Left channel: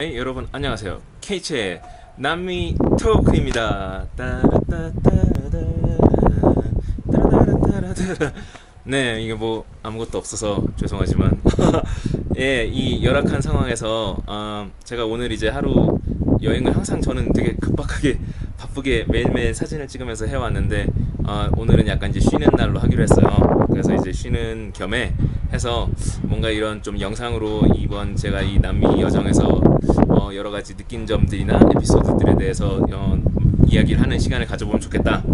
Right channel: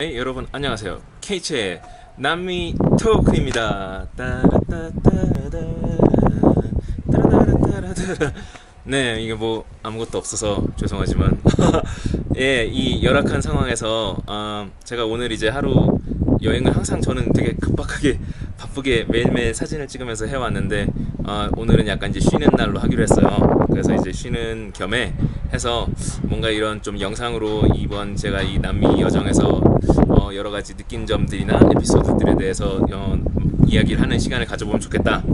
네, 여러분 안녕하세요. K체의 남미 토크입니다. 따라따따라 따라따라따라. 네, 이게 뭐 아무것도 없어서 죄송하지만 예, 이 열악한 상황에서 제가 오늘 이제 하루 여행을 항상 저는 되게 급박하게 바쁘게 매일매일 사진을 찍으면서 해왔는데 오늘은 약간 이제 쉬는 날로 하기로 했어요. 그래서 이제 쉬는 겸에 해서 뭔가 이런 좀 영상으로 이번 제가 이 남미 여정에서 여러 가지 느낀 점들이나 에피소드들에 대해서 이야기를 하는 시간을 가져보면 좋겠다,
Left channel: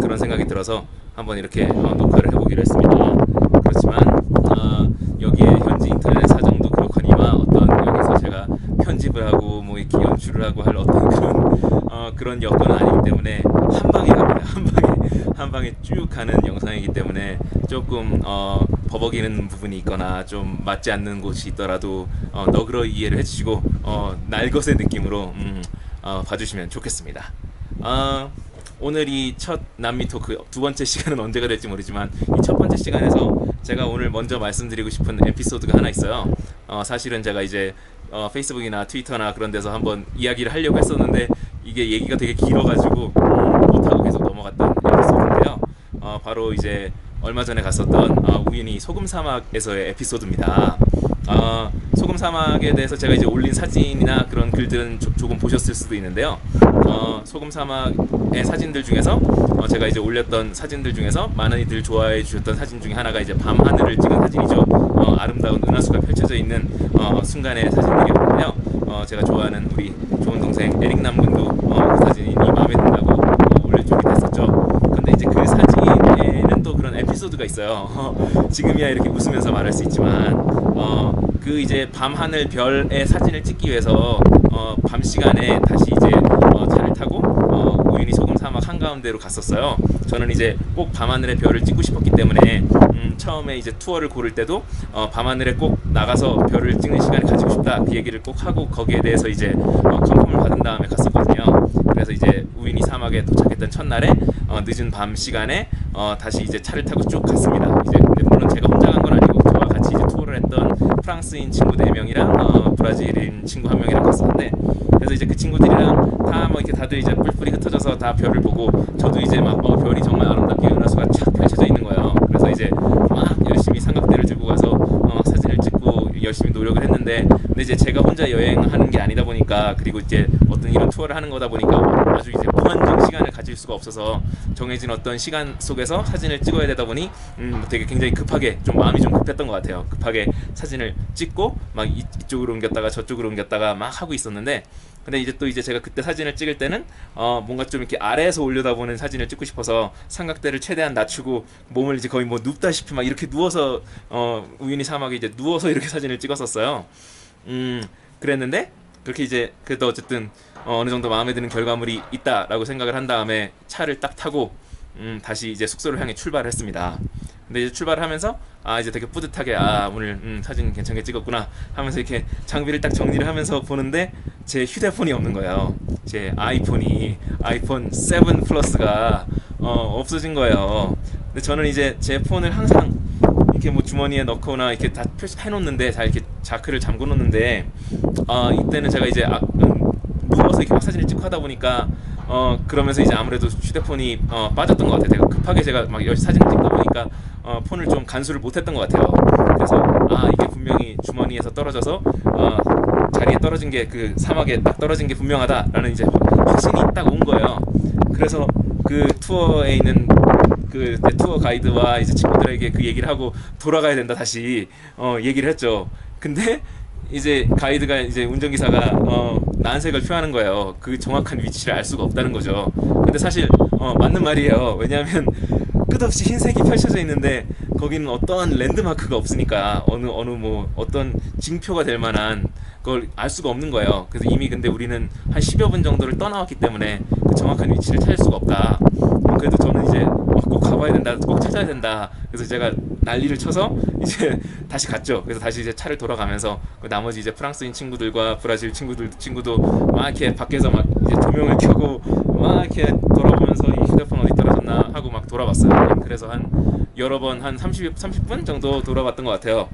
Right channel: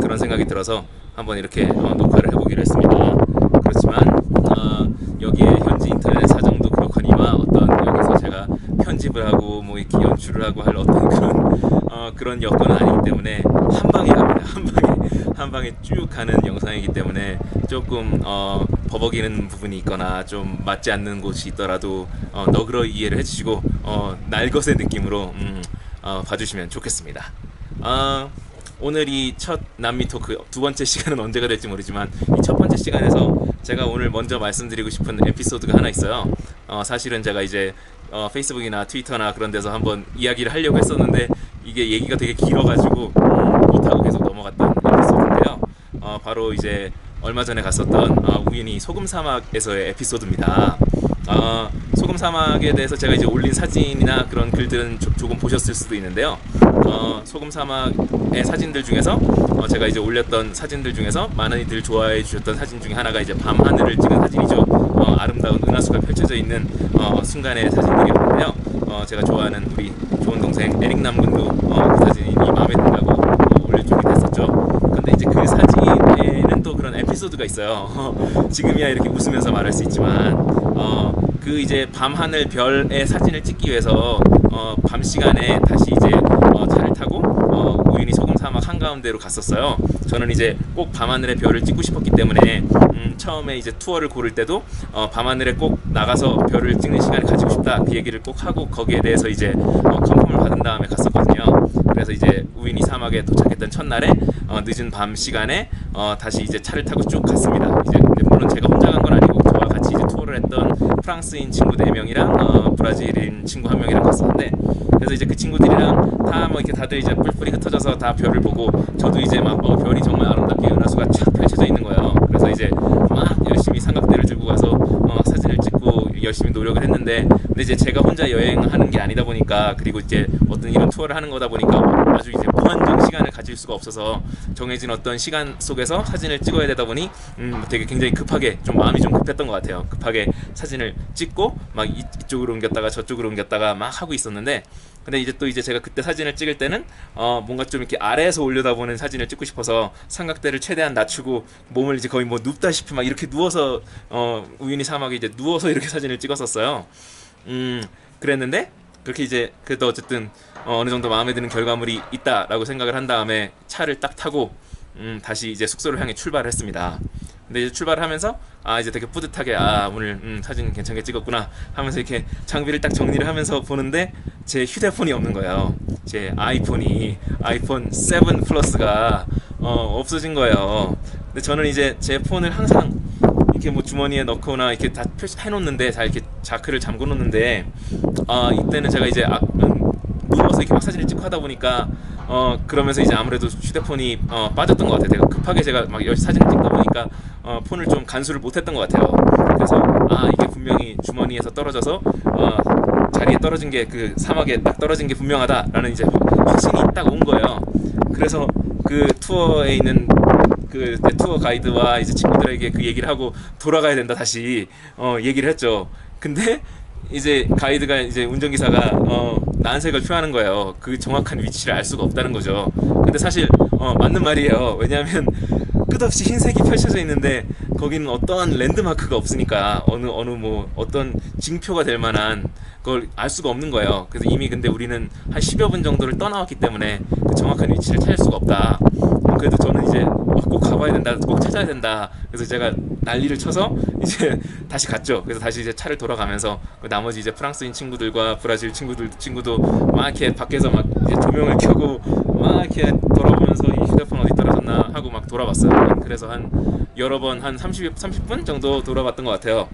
그런 생각이 들어서 한번 이렇게 녹화를 해보기로 했습니다. 그렇지만 여기에 현지 인터넷 사정도 그렇거니와 어떤 여기서 제가 편집을 하고 뭐 이렇게 연출을 하고 할 어떤 그런 여건은 아니기 때문에 한 방에 갑니다. 한 방에 쭉 가는 영상이기 때문에 조금 버벅이는 부분이 있거나 좀 맞지 않는 곳이 있더라도 너그러 이해를 해주시고 날것의 느낌으로 봐주시면 좋겠습니다. 오늘 이 첫 남미 토크 두 번째 시간은 언제가 될지 모르지만 이 첫 번째 시간에서 제가 오늘 먼저 말씀드리고 싶은 에피소드가 하나 있어요. 사실은 제가 이제 페이스북이나 트위터나 그런 데서 한번 이야기를 하려고 했었는데 이게 얘기가 되게 길어가지고 못하고 계속 넘어갔던 에피소드인데요. 바로 이제 얼마 전에 갔었던 우연히 소금 사막에서의 에피소드입니다. 소금 사막에 대해서 제가 이제 올린 사진이나 그런 글들은 조금 보셨을 수도 있는데요. 소금 사막의 사진들 중에서 제가 이제 올렸던 사진들 중에서 많은 이들 좋아해 주셨던 사진 중에 하나가 이제 밤 하늘을 찍은 사진이죠. 아름다운 은하수가 펼쳐져 있는 순간의 사진들이었는데요. 제가 좋아하는 우리 좋은 동생 에릭 남군도 그 사진이 마음에 든다고 올려주기도 했었죠. 근데 이제 그 사진에는 또 그런 에피소드가 있어요. 지금이야 이렇게 웃으면서 말할 수 있지만 그 이제 밤하늘 별의 사진을 찍기 위해서 밤 시간에 다시 이제 차를 타고 우연히 소금 사막 한가운데로 갔었어요. 저는 이제 꼭 밤하늘의 별을 찍고 싶었기 때문에 처음에 이제 투어를 고를 때도 밤하늘에 꼭 나가서 별을 찍는 시간을 가지고 싶다, 그 얘기를 꼭 하고 거기에 대해서 이제 컨펌을 받은 다음에 갔었거든요. 그래서 이제 우연히 사막에 도착했던 첫날에 늦은 밤 시간에 다시 이제 차를 타고 쭉 갔습니다. 이제 근데 물론 제가 혼자 간 건 아니고 저와 같이 이제 투어를 했던 프랑스인 친구 4명이랑 브라질인 친구 1명이랑 갔었는데, 그래서 이제 그 친구들이랑 다 뭐 이렇게 다들 이제 뿔뿔이 흩어져서 다 별을 보고 저도 이제 막 별이 정말 아름답게 은하수가 쫙 펼쳐져 있는 거예요. 그래서 이제 막 열심히 삼각대를 들고 가서 막 사진을 찍고 열심히 노력을 했는데, 근데 이제 제가 혼자 여행하는 게 아니다 보니까, 그리고 이제 어떤 이런 투어를 하는 거다 보니까 아주 이제 무한정 시간을 가질 수가 없어서 정해진 어떤 시간 속에서 사진을 찍어야 되다 보니 되게 굉장히 급하게, 좀 마음이 좀 급했던 것 같아요. 급하게 사진을 찍고 막 이쪽으로 옮겼다가 저쪽으로 옮겼다가 막 하고 있었는데, 근데 이제 또 이제 제가 그때 사진을 찍을 때는 뭔가 좀 이렇게 아래에서 올려다보는 사진을 찍고 싶어서 삼각대를 최대한 낮추고 몸을 이제 거의 뭐 눕다시피 막 이렇게 누워서 우유니 사막에 이제 누워서 이렇게 사진을 찍었었어요. 그랬는데 그렇게 이제 그래도 어쨌든 어느 정도 마음에 드는 결과물이 있다라고 생각을 한 다음에 차를 딱 타고 다시 이제 숙소를 향해 출발을 했습니다. 근데 이제 출발을 하면서 이제 되게 뿌듯하게 오늘 사진 괜찮게 찍었구나 하면서 이렇게 장비를 딱 정리를 하면서 보는데 제 휴대폰이 없는 거예요. 제 아이폰 7 플러스가 없어진 거예요. 근데 저는 이제 제 폰을 항상 이렇게 뭐 주머니에 넣거나 이렇게 다 표시해 놓는데, 다 이렇게 자크를 잠궈 놓는데 이때는 제가 이제 누워서 이렇게 막 사진을 찍고 하다 보니까 그러면서 이제 아무래도 휴대폰이 빠졌던 것 같아요. 되게 급하게 제가 막 사진을 찍다 보니까 폰을 좀 간수를 못했던 것 같아요. 그래서 이게 분명히 주머니에서 떨어져서 자리에 떨어진 게, 그 사막에 딱 떨어진 게 분명하다라는 이제 확신이 딱 온 거예요. 그래서 그 투어에 있는 그 투어 가이드와 이제 친구들에게 그 얘기를 하고 돌아가야 된다 다시 얘기를 했죠. 근데 이제 가이드가, 이제 운전기사가 난색을 표하는 거예요. 그 정확한 위치를 알 수가 없다는 거죠. 근데 사실 맞는 말이에요. 왜냐하면 끝없이 흰색이 펼쳐져 있는데 거기는 어떠한 랜드마크가 없으니까 어느 뭐 어떤 징표가 될 만한 그걸 알 수가 없는 거예요. 그래서 이미 근데 우리는 한 10여 분 정도를 떠나왔기 때문에 그 정확한 위치를 찾을 수가 없다. 그래도 저는 이제 꼭 가봐야 된다, 꼭 찾아야 된다. 그래서 제가 난리를 쳐서 이제 다시 갔죠. 그래서 다시 이제 차를 돌아가면서 그 나머지 이제 프랑스인 친구들과 브라질 친구도 막 이렇게 밖에서 막 이제 조명을 켜고 막 이렇게 돌아보면서 이 휴대폰 어디 떨어졌나 하고 막 돌아봤어요. 그래서 한 여러 번 한 30분 정도 돌아봤던 것 같아요.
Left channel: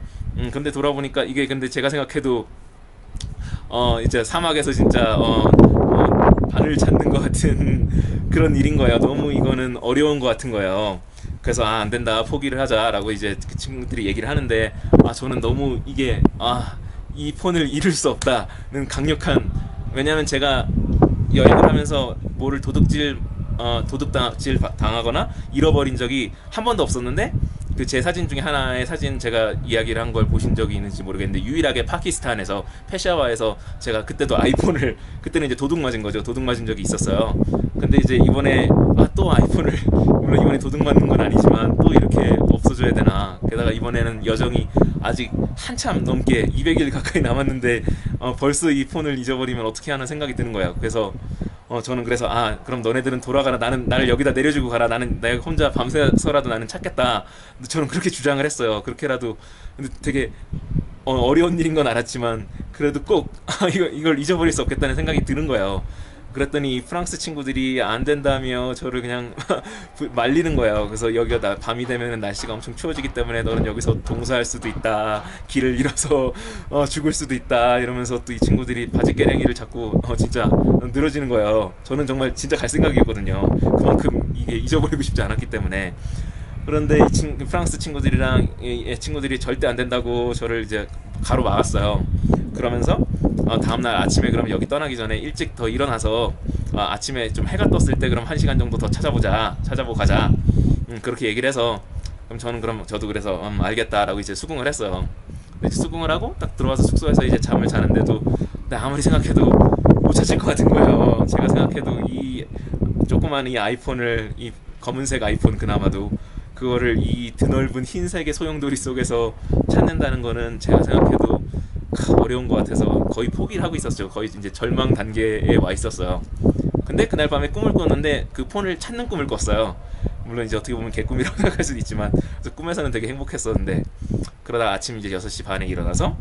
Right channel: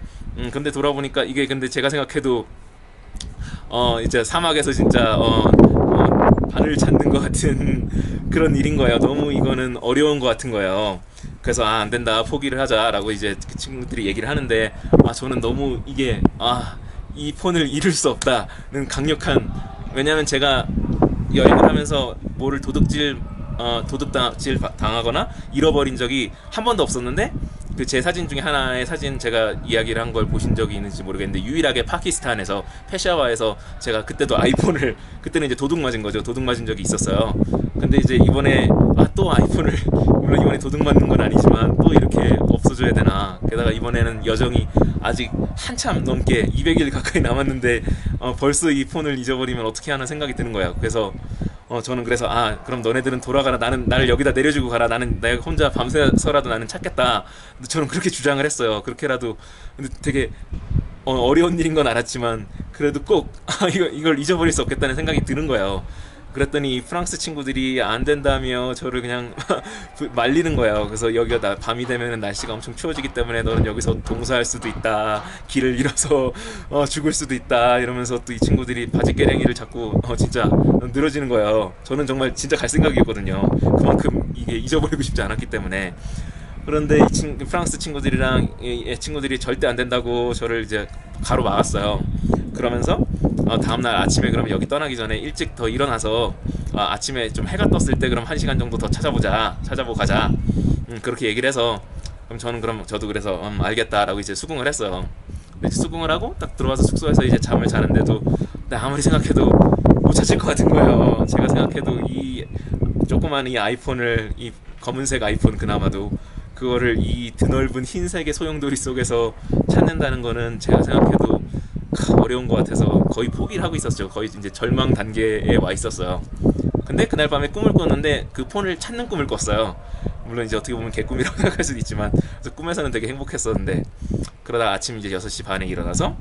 근데 돌아보니까 이게, 근데 제가 생각해도 이제 사막에서 진짜 바늘 찾는 것 같은 그런 일인 거예요. 너무 이거는 어려운 것 같은 거예요. 그래서 아, 안 된다, 포기를 하자라고 이제 그 친구들이 얘기를 하는데, 아, 저는 너무 이게, 이 폰을 잃을 수 없다는 강력한, 왜냐면 제가 여행을 하면서 뭐를 도둑질 당하거나 잃어버린 적이 한 번도 없었는데, 그 제 사진 중에 하나의 사진, 제가 이야기를 한 걸 보신 적이 있는지 모르겠는데, 유일하게 파키스탄에서 페샤와에서 제가 그때도 아이폰을, 그때는 이제 도둑 맞은 거죠. 도둑 맞은 적이 있었어요. 근데 이제 이번에 또 아이폰을 물론 이번에 도둑 맞는 건 아니지만 또 이렇게 없어져야 되나. 게다가 이번에는 여정이 아직 한참 넘게 200일 가까이 남았는데 벌써 이 폰을 잊어버리면 어떻게 하는 생각이 드는 거예요. 그래서 저는 그래서 그럼 너네들은 돌아가라, 나를 여기다 내려주고 가라, 나는 내가 혼자 밤새서라도 나는 찾겠다. 저는 그렇게 주장을 했어요. 그렇게라도. 근데 되게 어려운 일인 건 알았지만 그래도 꼭 이걸 잊어버릴 수 없겠다는 생각이 드는 거예요. 그랬더니 프랑스 친구들이 안 된다며 저를 그냥 말리는 거예요. 그래서 여기가 밤이 되면 날씨가 엄청 추워지기 때문에 너는 여기서 동사할 수도 있다, 길을 잃어서 죽을 수도 있다, 이러면서 또 이 친구들이 바지깨랭이를 자꾸 진짜 늘어지는 거예요. 저는 정말 진짜 갈 생각이었거든요. 그만큼 이게 잊어버리고 싶지 않았기 때문에. 그런데 프랑스 친구들이랑 이 친구들이 절대 안 된다고 저를 이제 가로막았어요. 그러면서 다음날 아침에 그럼 여기 떠나기 전에 일찍 더 일어나서 아침에 좀 해가 떴을 때 그럼 1시간 정도 더 찾아보고 가자. 그렇게 얘기를 해서, 그럼 저도 그래서 알겠다라고 이제 수긍을 했어요. 근데 수긍을 하고 딱 들어와서 숙소에서 이제 잠을 자는데도 아무리 생각해도 못 찾을 것 같은 거예요. 제가 생각해도 이 조그만 이 아이폰을, 이 검은색 아이폰, 그나마도 그거를 이 드넓은 흰색의 소용돌이 속에서 찾는다는 거는 제가 생각해도 어려운 것 같아서 거의 포기를 하고 있었죠. 거의 이제 절망 단계에 와 있었어요. 근데 그날 밤에 꿈을 꿨는데 그 폰을 찾는 꿈을 꿨어요. 물론 이제 어떻게 보면 개꿈이라고 생각할 수도 있지만, 그래서 꿈에서는 되게 행복했었는데, 그러다 아침 이제 6시 반에 일어나서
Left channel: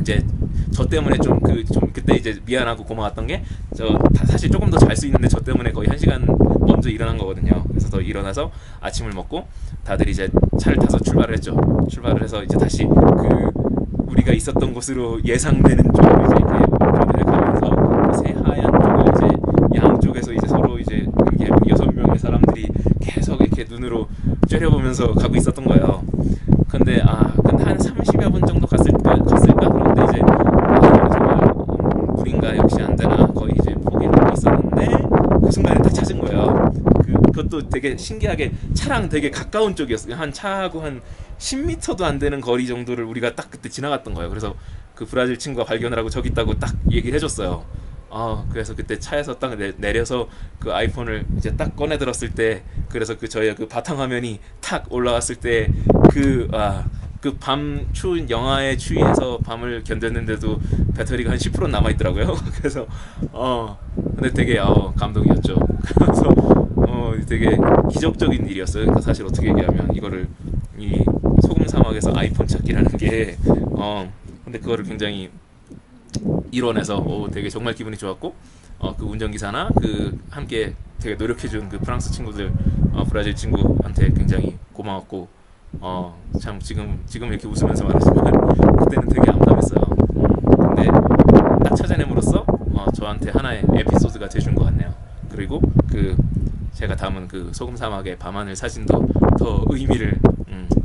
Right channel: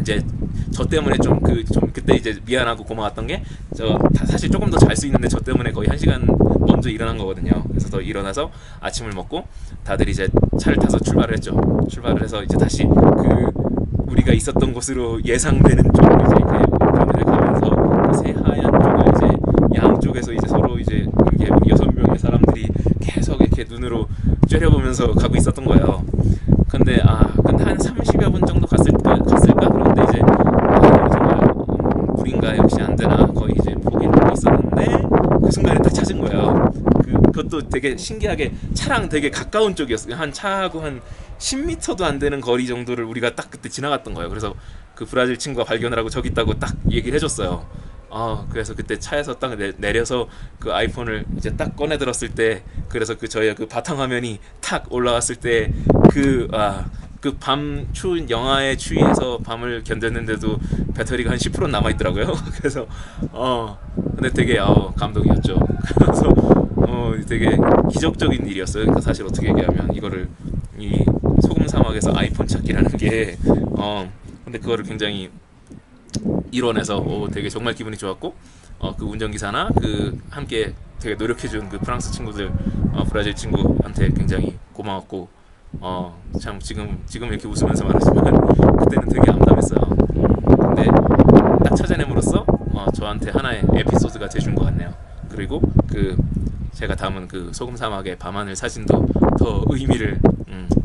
이제 저 때문에 좀 그때 이제 미안하고 고마웠던 게, 사실 조금 더 잘 수 있는데 저 때문에 거의 1시간 먼저 일어난 거거든요. 그래서 더 일어나서 아침을 먹고 다들 이제 차를 타서 출발을 했죠. 출발을 해서 이제 다시 우리가 있었던 곳으로 예상되는 쪽으로 이제 이렇게 운전을 해가면서 그 새하얀 쪽을 이제 양쪽에서 이제 서로 이제 이게 6명의 사람들이 계속 이렇게 눈으로 째려보면서 가고 있었던 거예요. 근데 한 30여 분 정도 갔을까? 그런데 이제 이거는 정말 물인가, 역시 안 되나, 거의 이제 포기를 하고 있었는데 그 순간에 딱 찾은 거예요. 그것도 되게 신기하게 차랑 되게 가까운 쪽이었어요. 차하고 한 10m도 안 되는 거리 정도를 우리가 딱 그때 지나갔던 거예요. 그래서 그 브라질 친구가 발견을 하고 저기 있다고 딱 얘기를 해줬어요. 그래서 그때 차에서 딱 내려서 그 아이폰을 이제 딱 꺼내 들었을 때, 그래서 저의 그 바탕화면이 탁 올라왔을 때 그 밤 추운 영하의 추위에서 밤을 견뎠는데도 배터리가 한 10% 남아있더라고요. 그래서 근데 되게 감동이었죠. 그래서 되게 기적적인 일이었어요. 그러니까 사실 어떻게 얘기하면 이거를, 이 소금 사막에서 아이폰 찾기라는 게 근데 그거를 굉장히 이뤄내서 되게 정말 기분이 좋았고, 그 운전기사나 그 함께 되게 노력해준 그 프랑스 친구들, 브라질 친구한테 굉장히 고마웠고, 참 지금 이렇게 웃으면서 말하지만 그때는 되게 암담했어요. 근데 딱 찾아냄으로써 저한테 하나의 에피소드가 돼준 것 같네요. 그리고 제가 담은 그 소금 사막의 밤하늘 사진도 더 의미를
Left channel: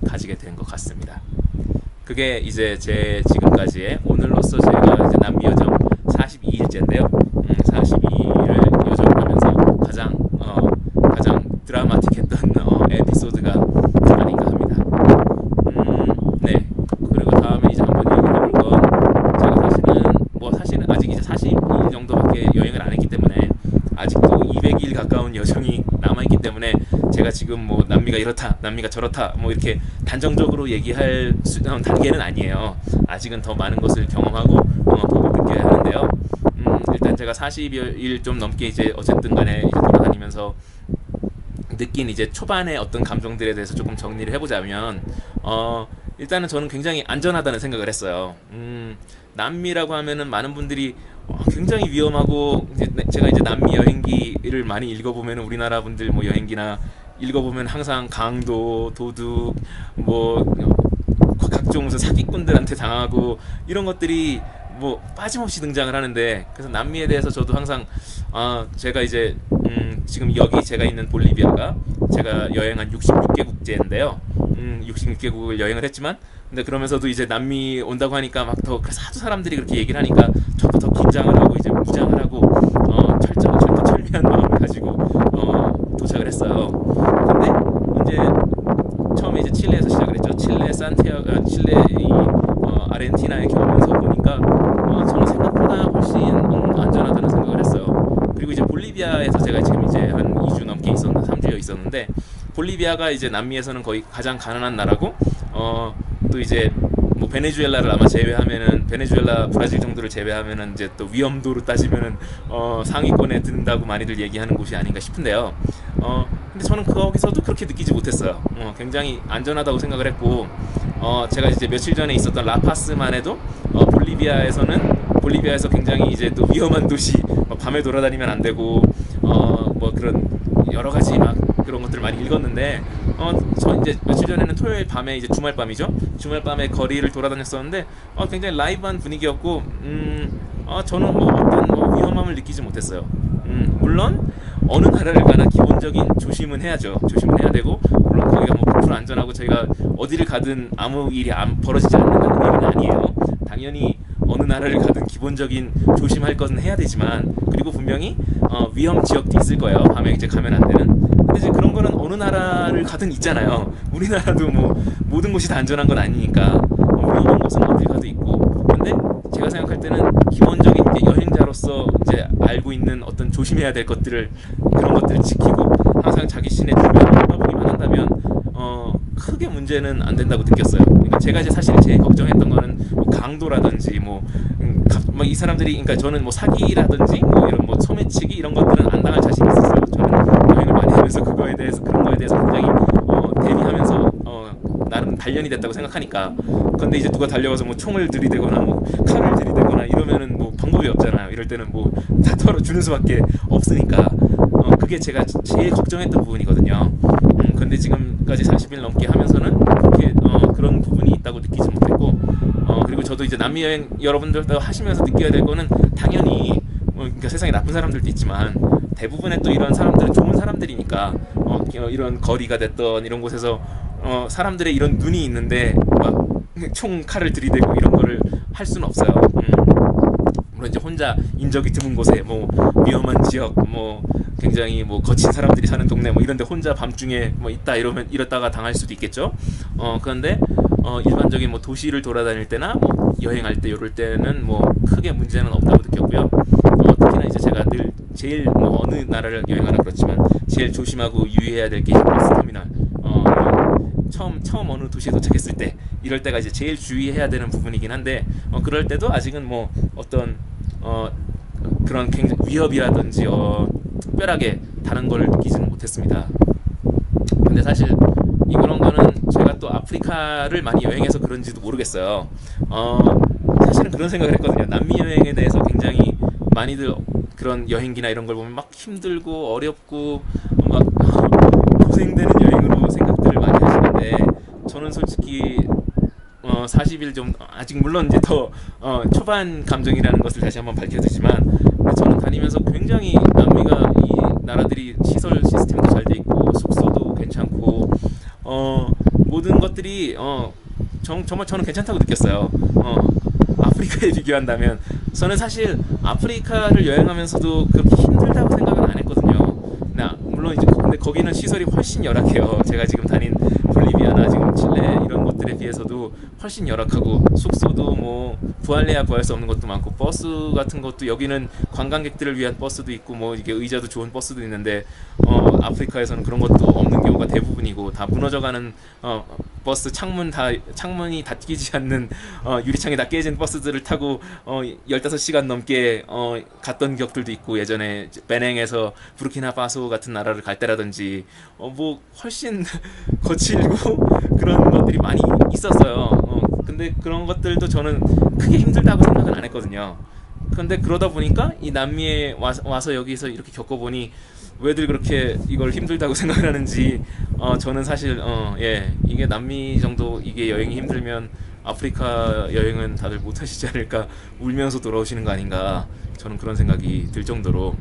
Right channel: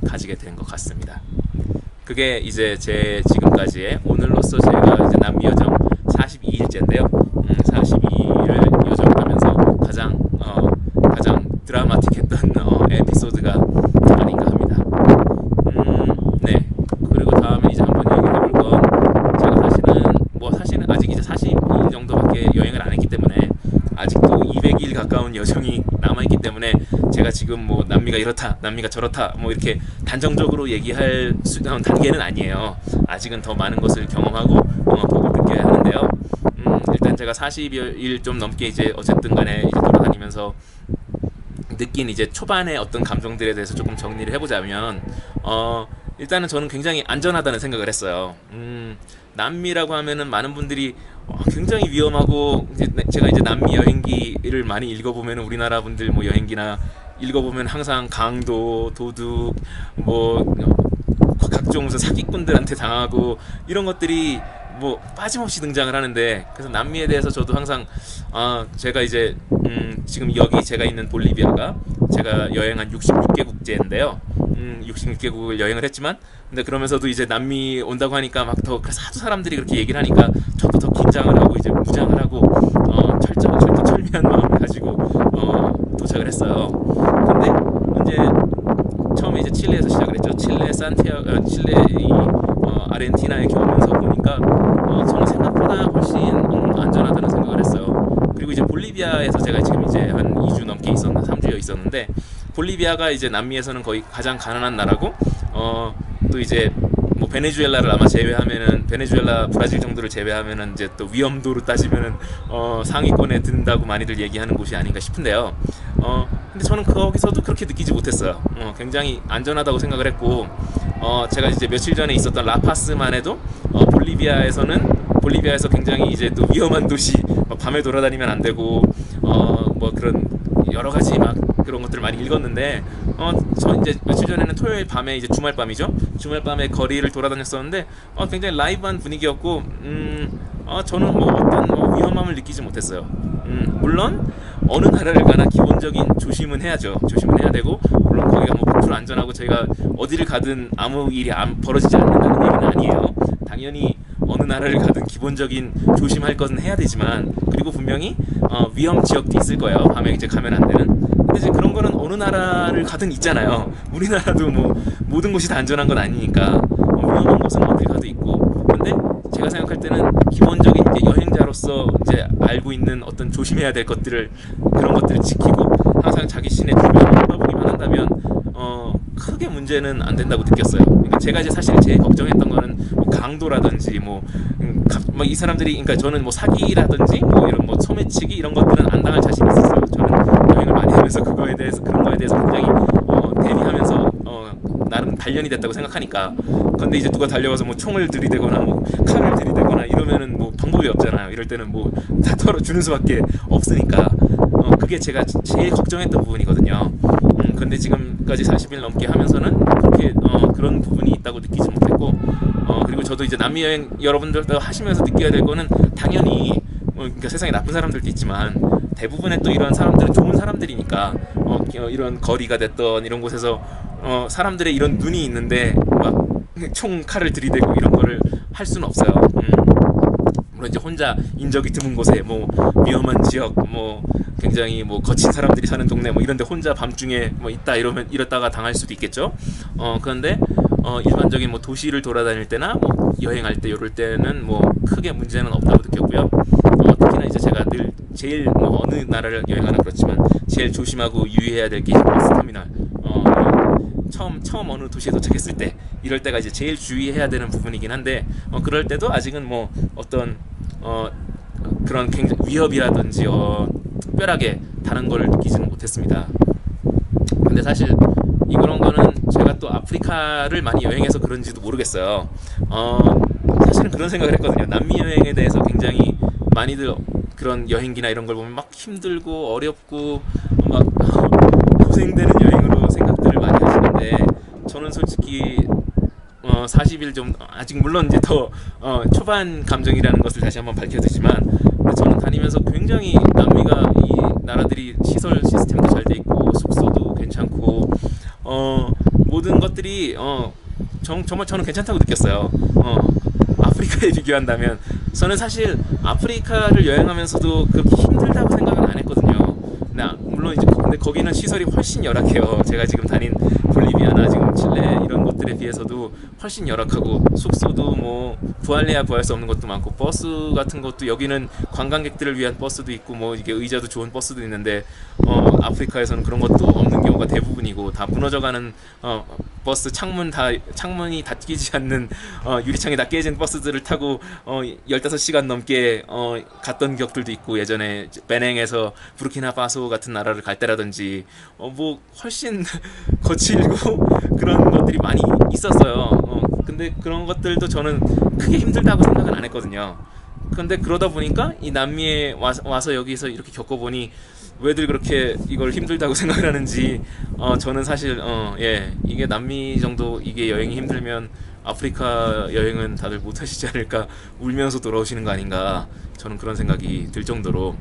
가지게 된 것 같습니다. 그게 이제 제 지금까지의, 오늘로써 제가 이제 남미 여정 42일째인데요. 42일을 여정을 하면서 가장 드라마틱했던 에피소드가 아닌가 합니다. 네. 그리고 다음에 이제 한번 얘기해 볼 건, 제가 사실은 아직 이제 40일 정도밖에 여행을 안 했기 때문에 아직도 200일 가까운 여정이 남아있기 때문에 제가 지금 뭐 남미가 이렇다, 남미가 저렇다, 뭐 이렇게 단정적으로 얘기할 단계는 아니에요. 아직은 더 많은 것을 경험하고 보고 느껴야 하는데요. 일단 제가 40일 좀 넘게 이제 어쨌든 간에 이제 돌아다니면서 느낀 이제 초반의 어떤 감정들에 대해서 조금 정리를 해보자면, 일단은 저는 굉장히 안전하다는 생각을 했어요. 남미라고 하면은 많은 분들이 굉장히 위험하고, 제가 이제 남미 여행기를 많이 읽어보면, 우리나라 분들 뭐 여행기나 읽어보면 항상 강도, 도둑, 뭐 각종 무슨 사기꾼들한테 당하고 이런 것들이 뭐 빠짐없이 등장을 하는데, 그래서 남미에 대해서 저도 항상 제가 이제 지금 여기 제가 있는 볼리비아가 제가 여행한 66개국제인데요. 66개국을 여행을 했지만, 근데 그러면서도 이제 남미 온다고 하니까 막 더 그래서 하도 사람들이 그렇게 얘기를 하니까 저도 더 긴장을 하고 이제 무장을 하고 철두철미한 마음을 가지고 도착을 했어요. 근데 이제 처음에 이제 칠레에서 시작을 했죠. 칠레 아르헨티나 이렇게 오면서 보니까 저는 생각보다 훨씬 안전하다는 생각을 했어요. 그리고 이제 볼리비아에서 제가 지금 이제 한 2주 넘게 3주여 있었는데, 볼리비아가 이제 남미에서는 거의 가장 가난한 나라고, 또 이제 뭐 베네수엘라를 아마 제외하면은, 베네수엘라 브라질 정도를 제외하면은 이제 또 위험도로 따지면은 상위권에 든다고 많이들 얘기하는 곳이 아닌가 싶은데요. 근데 저는 거기서도 그렇게 느끼지 못했어요. 굉장히 안전하다고 생각을 했고, 제가 이제 며칠 전에 있었던 라파스만 해도 볼리비아에서 굉장히 이제 또 위험한 도시, 밤에 돌아다니면 안 되고, 뭐 그런 여러 가지 막 그런 것들을 많이 읽었는데, 저 이제 며칠 전에는 토요일 밤에 이제 주말밤이죠. 주말밤에 거리를 돌아다녔었는데, 굉장히 라이브한 분위기였고, 저는 뭐 어떤 위험함을 느끼지 못했어요. 물론 어느 나라를 가나 기본적인 조심은 해야죠. 조심은 해야 되고, 물론 거기가 뭐 100% 안전하고 저희가 어디를 가든 아무 일이 벌어지지 않는다는 얘기는 아니에요. 당연히 어느 나라를 가든 기본적인 조심할 것은 해야 되지만, 그리고 분명히 위험 지역도 있을 거예요. 밤에 이제 가면 안 되는. 근데 이제 그런 거는 어느 나라를 가든 있잖아요. 우리나라도 뭐 모든 곳이 다 안전한 건 아니니까 위험한 곳은 어딜 가도 있고. 근데 제가 생각할 때는 기본적인 이제 여행자로서 이제 알고 있는 어떤 조심해야 될 것들을, 그런 것들을 지키고 항상 자기 시내 주변을 돌아보기만 한다면 크게 문제는 안 된다고 느꼈어요. 그러니까 제가 이제 사실 제일 걱정했던 거는 뭐 강도라든지 이 사람들이, 그러니까 저는 뭐 사기라든지 뭐 이런 뭐 소매치기 이런 것들은 안 당할 자신이 있었어요. 저는 여행을 많이 하면서 그런 거에 대해서 굉장히 대비하면서 나름 단련이 됐다고 생각하니까. 근데 이제 누가 달려와서 뭐 총을 들이대거나 뭐 칼을 들이대거나 이러면은 뭐 방법이 없잖아요. 이럴 때는 뭐 다 털어주는 수밖에 없으니까. 그게 제가 제일 걱정했던 부분이거든요. 근데 지금까지 40일 넘게 하면서는 그렇게 그런 부분이 있다고 느끼지 못했고, 그리고 저도 이제 남미 여행 여러분들도 하시면서 느껴야 될 거는, 당연히 그러니까 세상에 나쁜 사람들도 있지만 대부분의 또 이런 사람들은 좋은 사람들이니까, 이런 거리가 됐던 이런 곳에서 사람들의 이런 눈이 있는데 막 총 칼을 들이대고 이런 거를 할 수는 없어요. 물론 이제 혼자 인적이 드문 곳에 뭐 위험한 지역, 뭐 굉장히 뭐 거친 사람들이 사는 동네 뭐 이런데 혼자 밤중에 뭐 있다 이러다가 당할 수도 있겠죠. 그런데 일반적인 뭐 도시를 돌아다닐 때나 뭐 여행할 때 이럴 때는 뭐 크게 문제는 없다고 느꼈고요. 특히나 이제 제가 늘 제일 뭐 어느 나라를 여행하나 그렇지만 제일 조심하고 유의해야 될 게 이제 버스 터미널, 처음 어느 도시에 도착했을 때, 이럴 때가 이제 제일 주의해야 되는 부분이긴 한데, 그럴 때도 아직은 뭐 어떤 그런 굉장히 위협이라든지 특별하게 다른 걸 느끼지는 못했습니다. 근데 사실 이런 거는 제가 또 아프리카를 많이 여행해서 그런지도 모르겠어요. 사실은 그런 생각을 했거든요. 남미 여행에 대해서 굉장히 많이들 그런 여행기나 이런 걸 보면 막 힘들고 어렵고 막 고생되는 여행으로 생각들을 많이 하시는데, 저는 솔직히 40일 좀 아직 물론 이제 더 초반 감정이라는 것을 다시 한번 밝혀두지만, 근데 저는 다니면서 굉장히 남미가, 이 나라들이 시설 시스템도 잘 돼 있고 숙소도 괜찮고 모든 것들이 정말 저는 괜찮다고 느꼈어요. 아프리카에 비교한다면 저는 사실 아프리카를 여행하면서도 그렇게 힘들다고 생각은 안 했거든요. 물론 이제 근데 거기는 시설이 훨씬 열악해요. 제가 지금 다닌 볼리비아나 지금 칠레 이런 곳들에 비해서도 훨씬 열악하고, 숙소도 뭐 구할래야 구할 수 없는 것도 많고, 버스 같은 것도 여기는 관광객들을 위한 버스도 있고 뭐 이게 의자도 좋은 버스도 있는데, 아프리카에서는 그런 것도 없는 경우가 대부분이고, 다 무너져가는 버스 창문이 닫히지 않는 유리창이 다 깨진 버스들을 타고 15시간 넘게 갔던 기억들도 있고, 예전에 베냉에서 부르키나파소 같은 나라를 갈 때라든지 뭐 훨씬 거칠고 그런 것들이 많이 있었어요. 근데 그런 것들도 저는 크게 힘들다고 생각은 안 했거든요. 근데 그러다 보니까 이 남미에 와서 여기서 이렇게 겪어보니 왜들 그렇게 이걸 힘들다고 생각을 하는지, 저는 사실 이게 남미 정도 이게 여행이 힘들면 아프리카 여행은 다들 못 하시지 않을까, 울면서 돌아오시는 거 아닌가, 저는 그런 생각이 들 정도로.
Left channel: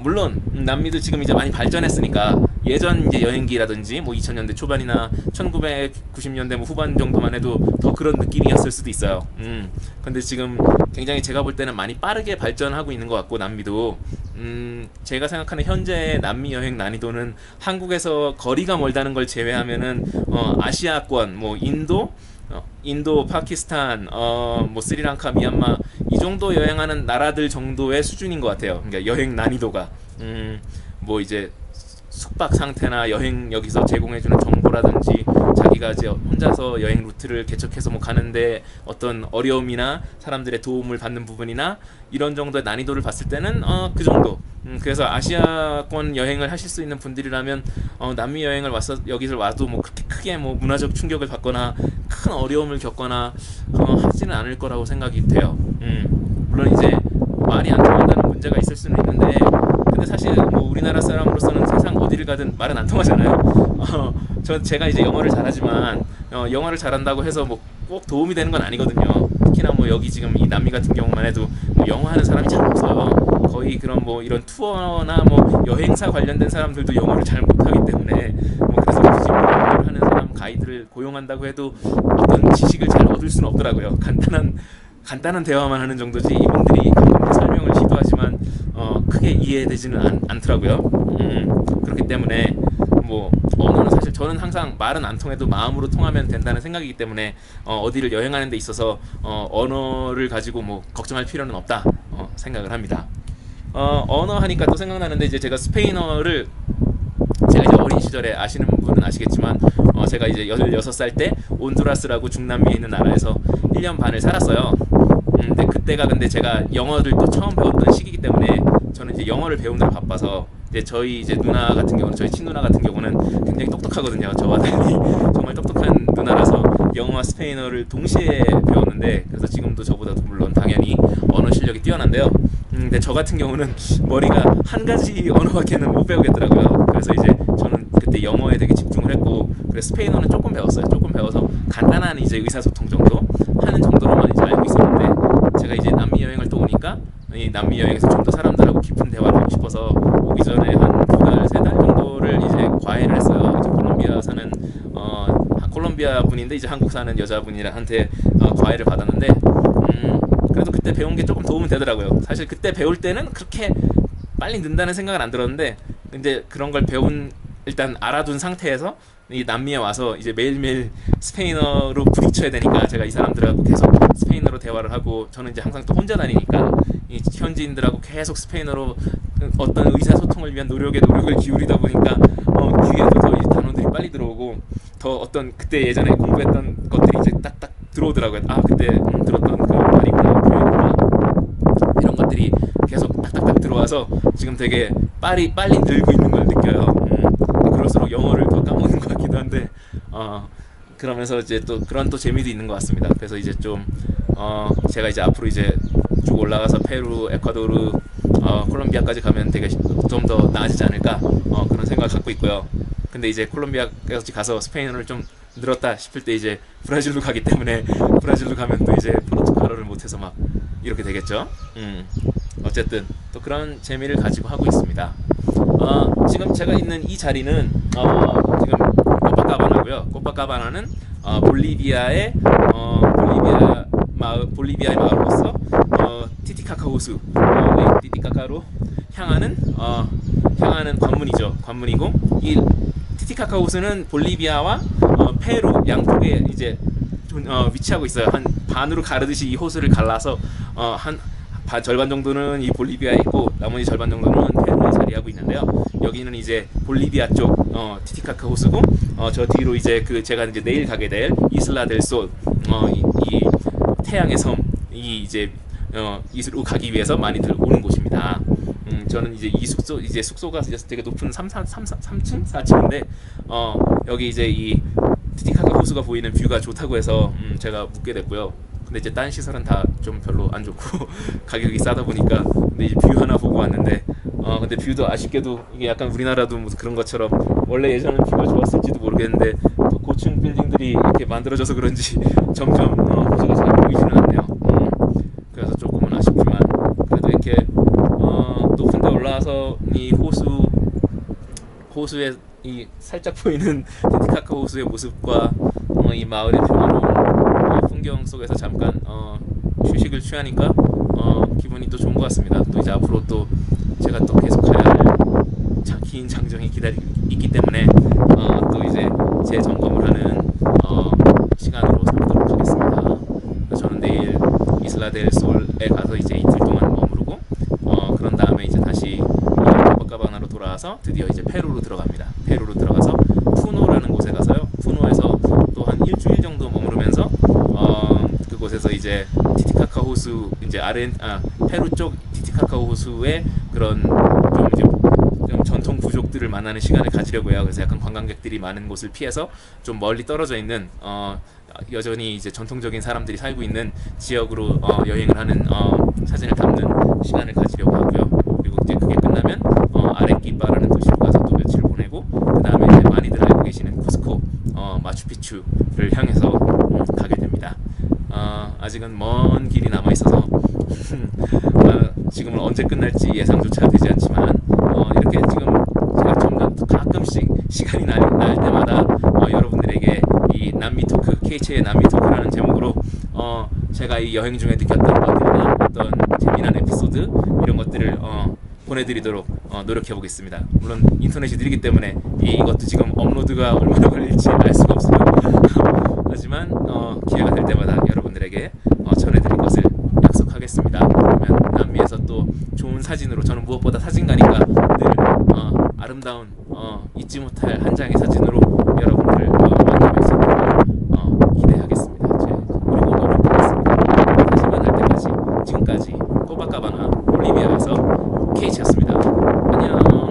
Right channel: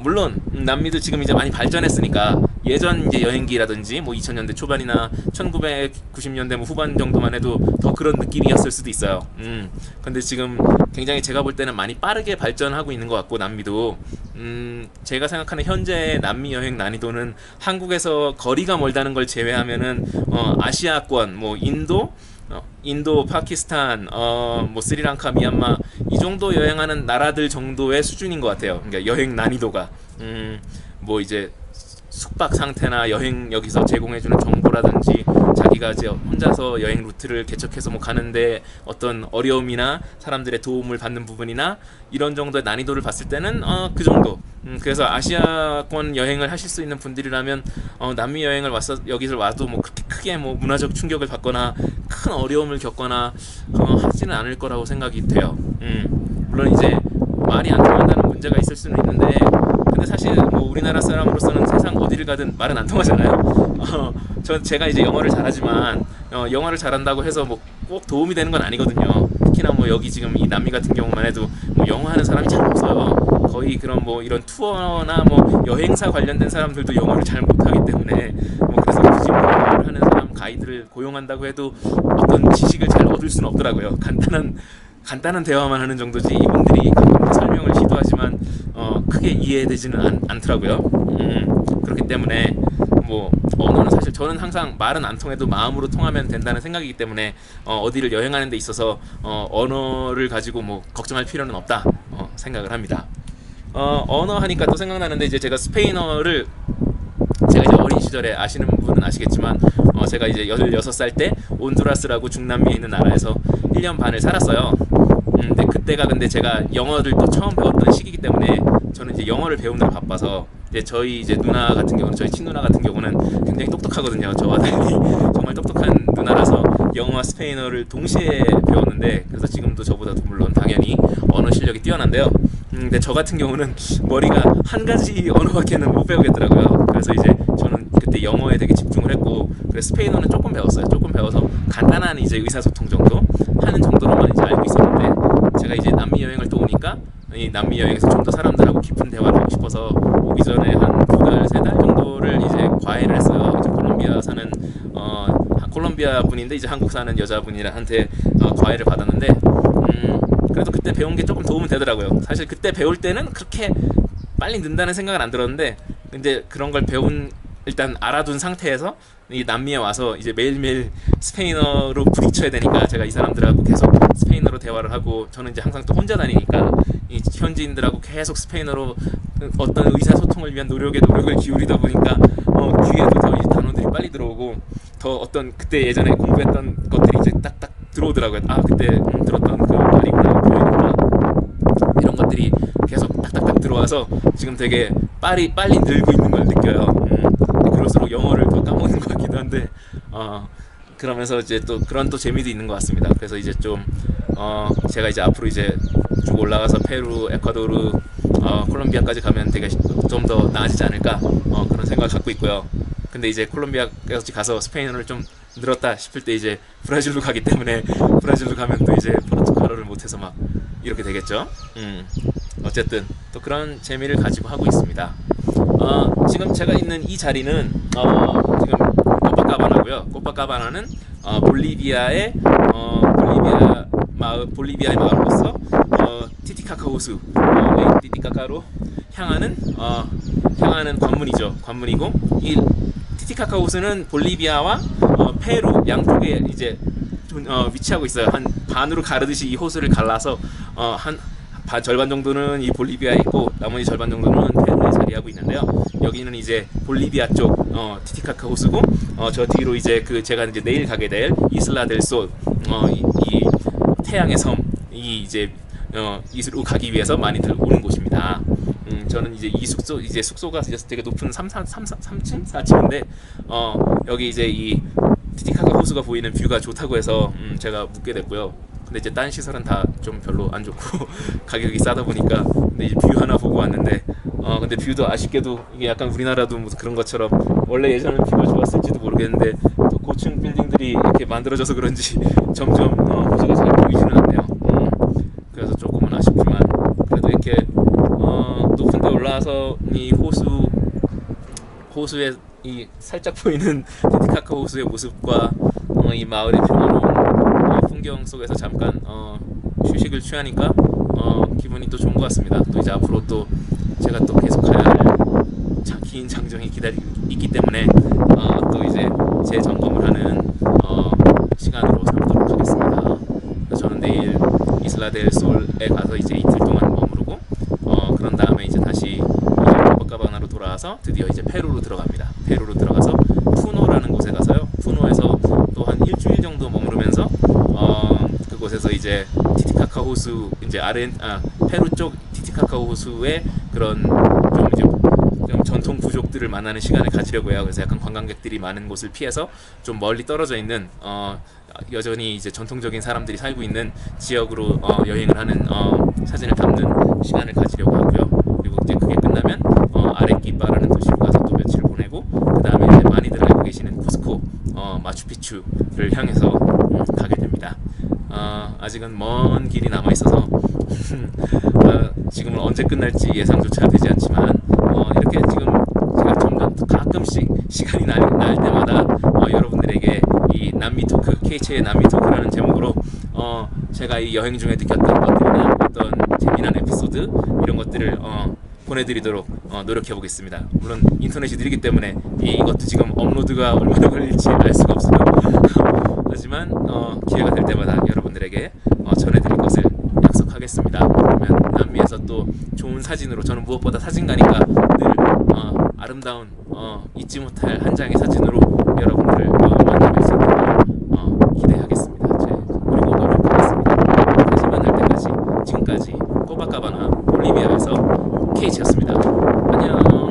물론 남미도 지금 이제 많이 발전했으니까 예전 이제 여행기라든지 뭐 2000년대 초반이나 1990년대 뭐 후반 정도만 해도 더 그런 느낌이었을 수도 있어요. 근데 지금 굉장히 제가 볼 때는 많이 빠르게 발전하고 있는 것 같고, 남미도 제가 생각하는 현재의 남미 여행 난이도는 한국에서 거리가 멀다는 걸 제외하면은 아시아권 뭐 인도, 파키스탄, 뭐 스리랑카, 미얀마 이 정도 여행하는 나라들 정도의 수준인 것 같아요. 그러니까 여행 난이도가 뭐 이제 숙박 상태나 여행 여기서 제공해주는 정보라든지 자기가 이제 혼자서 여행 루트를 개척해서 뭐 가는데 어떤 어려움이나 사람들의 도움을 받는 부분이나 이런 정도의 난이도를 봤을 때는 그 정도. 그래서 아시아권 여행을 하실 수 있는 분들이라면 남미 여행을 와서 여기서 와도 뭐 그렇게 크게 뭐 문화적 충격을 받거나 큰 어려움을 겪거나 하지는 않을 거라고 생각이 돼요. 물론 이제 말이 안 통한다는 문제가 있을 수는 있는데, 근데 사실 뭐 우리나라 사람으로서는 세상 어디를 가든 말은 안 통하잖아요. 제가 이제 영어를 잘하지만 영어를 잘한다고 해서 뭐 꼭 도움이 되는 건 아니거든요. 특히나 뭐 여기 지금 이 남미 같은 경우만 해도 뭐 영어 하는 사람이 잘 없어요. 거의 그런 뭐 이런 투어나 뭐 여행사 관련된 사람들도 영어를 잘 못하기 때문에, 뭐 그래서 굳이 뭐 영어를 하는 사람 가이드를 고용한다고 해도 어떤 지식을 잘 얻을 수는 없더라고요. 간단한 대화만 하는 정도지 이분들이 가끔 설명을 시도하지만 크게 이해되지는 않더라고요. 그렇기 때문에 뭐 언어는 사실 저는 항상 말은 안 통해도 마음으로 통하면 된다는 생각이기 때문에 어디를 여행하는 데 있어서 언어를 가지고 뭐 걱정할 필요는 없다 생각을 합니다. 언어 하니까 또 생각나는데, 이제 제가 스페인어를 제가 이제 어린 시절에 아시는 분은 아시겠지만 제가 이제 16살 때 온두라스라고 중남미에 있는 나라에서 1년 반을 살았어요. 근데 그때가 근데 제가 영어를 또 처음 배웠던 시기이기 때문에 저는 이제 영어를 배우느라 바빠서, 이제 저희 이제 누나 같은 경우는, 저희 친누나 같은 경우는 굉장히 똑똑하거든요. 저와 달리 정말 똑똑한 누나라서 영어와 스페인어를 동시에 배웠는데, 그래서 지금도 저보다도 물론 당연히 언어 실력이 뛰어난데요. 근데 저 같은 경우는 머리가 한 가지 언어밖에는 못 배우겠더라고요. 그래서 이제 저는 그때 영어에 되게 집중을 했고, 그래서 스페인어는 조금 배웠어요. 조금 배워서 간단한 이제 의사소통 정도 하는 정도로만 이제 알고 있었는데, 제가 이제 남미 여행을 또 오니까 이 남미 여행에서 좀 더 사람들하고 깊은 대화를 하고 싶어서 오기 전에 한 2달, 3달 정도를 이제 과외를 했어요. 이제 콜롬비아 사는 콜롬비아 분인데 이제 한국 사는 여자분이한테 과외를 받았는데, 그래도 그때 배운 게 조금 도움은 되더라고요. 사실 그때 배울 때는 그렇게 빨리 는다는 생각은 안 들었는데, 근데 그런 걸 일단 알아둔 상태에서 이 남미에 와서 이제 매일매일 스페인어로 부딪혀야 되니까, 제가 이 사람들하고 계속 스페인어로 대화를 하고, 저는 이제 항상 또 혼자 다니니까 이 현지인들하고 계속 스페인어로 어떤 의사소통을 위한 노력을 기울이다 보니까 귀에도 더 이 단어들이 빨리 들어오고, 더 어떤 그때 예전에 공부했던 것들이 이제 딱딱 들어오더라고요. 그때 들었던 그 말이구나, 표현이구나, 이런 것들이 계속 딱딱딱 들어와서 지금 되게 빨리 늘고 있는 걸 느껴요. 그럴수록 영어를 더 까먹는 것 같기도 한데, 그러면서 이제 또 그런 또 재미도 있는 것 같습니다. 그래서 이제 좀 제가 이제 앞으로 이제 쭉 올라가서 페루, 에콰도르, 콜롬비아까지 가면 되게 좀 더 나아지지 않을까, 그런 생각을 갖고 있고요. 근데 이제 콜롬비아까지 가서 스페인어를 좀 늘었다 싶을 때 이제 브라질로 가기 때문에, 브라질로 가면 또 이제 포르투갈어를 못해서 막 이렇게 되겠죠. 어쨌든 또 그런 재미를 가지고 하고 있습니다. 지금 제가 있는 이 자리는 지금 코파카바나고요. 코파카바나는 볼리비아의 마을로서 티티카카 호수, 레이 티티카카로 향하는 관문이고, 이 티티카카 호수는 볼리비아와 페루 양쪽에 이제 위치하고 있어요. 한 반으로 가르듯이 이 호수를 갈라서 절반 정도는 이 볼리비아에 있고, 나머지 절반 정도는 페루에 자리하고 있는데요. 여기는 이제 볼리비아 쪽 티티카카 호수고, 저 뒤로 이제 제가 이제 내일 가게 될 이슬라 델 솔, 이 태양의 섬, 이제 이슬로 가기 위해서 많이들 오는 곳입니다. 저는 이제 숙소가 이제 되게 높은 3층, 4층인데 여기 이제 이 티티카카 호수가 보이는 뷰가 좋다고 해서 제가 묵게 됐고요. 근데 이제 딴 시설은 다 좀 별로 안 좋고 가격이 싸다 보니까, 근데 이제 뷰 하나 보고 왔는데 근데 뷰도 아쉽게도 이게 약간 우리나라도 뭐 그런 것처럼, 원래 예전엔 뷰가 좋았을지도 모르겠는데 또 고층 빌딩들이 이렇게 만들어져서 그런지 점점 호수가 잘 보이지는 않네요. 그래서 조금은 아쉽지만 그래도 이렇게 높은 데 올라와서 이 호수에 이 살짝 보이는 티티카카 호수의 모습과 이 마을의 평화로운 풍경 속에서 잠깐 휴식을 취하니까 기분이 또 좋은 것 같습니다. 또 이제 앞으로 또 제가 또 계속 가야 할 긴 장정이 기다리고 있기 때문에 또 이제 재점검을 하는 시간으로 삼도록 하겠습니다. 그래서 저는 내일 이슬라 델 솔에 가서 이제 이틀 동안 머무르고 그런 다음에 이제 다시 코파카바나로 돌아와서 드디어 이제 페루로 들어갑니다. 페루로 들어가서 푸노라는 곳에 가서요. 푸노에서 또 한 일주일 정도 머무르면서 그곳에서 이제 티티카카 호수 이제 페루 쪽 티티카카 호수의 그런 좀 이제 좀 전통 부족들을 만나는 시간을 가지려고 해요. 그래서 약간 관광객들이 많은 곳을 피해서 좀 멀리 떨어져 있는 여전히 이제 전통적인 사람들이 살고 있는 지역으로 여행을 하는 사진을 담는 시간을 가지려고 하고요. 그리고 이제 그게 끝나면 아레끼파라는 도시로 가서 또 며칠을 보내고 그 다음에 이제 많이들 알고 계시는 쿠스코 마추픽추를 향해서 가게 됩니다. 아직은 먼 길이 남아 있어서 지금은 언제 끝날지 예상조차 되지 않지만 이렇게 지금 제가 점점 가끔씩 시간이 날 때마다 여러분들에게 이 남미 토크 KH의 남미 토크라는 제목으로 제가 이 여행 중에 느꼈던 것들이나 어떤 재미난 에피소드 이런 것들을 보내드리도록 노력해 보겠습니다. 물론 인터넷이 느리기 때문에 이것도 지금 업로드가 얼마나 걸릴지 알 수가 없어요. 하지만 기회가 될 때마다 여러분들에게 전해드릴 것을 약속하겠습니다. 그러면 남미에서 또 좋은 사진으로, 저는 무엇보다 사진가니까 늘 아름다운 잊지 못할 한 장의 사진으로 여러분들을 만나뵐 수 있기를 기대하겠습니다. 그리고 노력하겠습니다. 다시 만날 때까지 지금까지 코바카바나 볼리비아에서 KH였습니다. 안녕.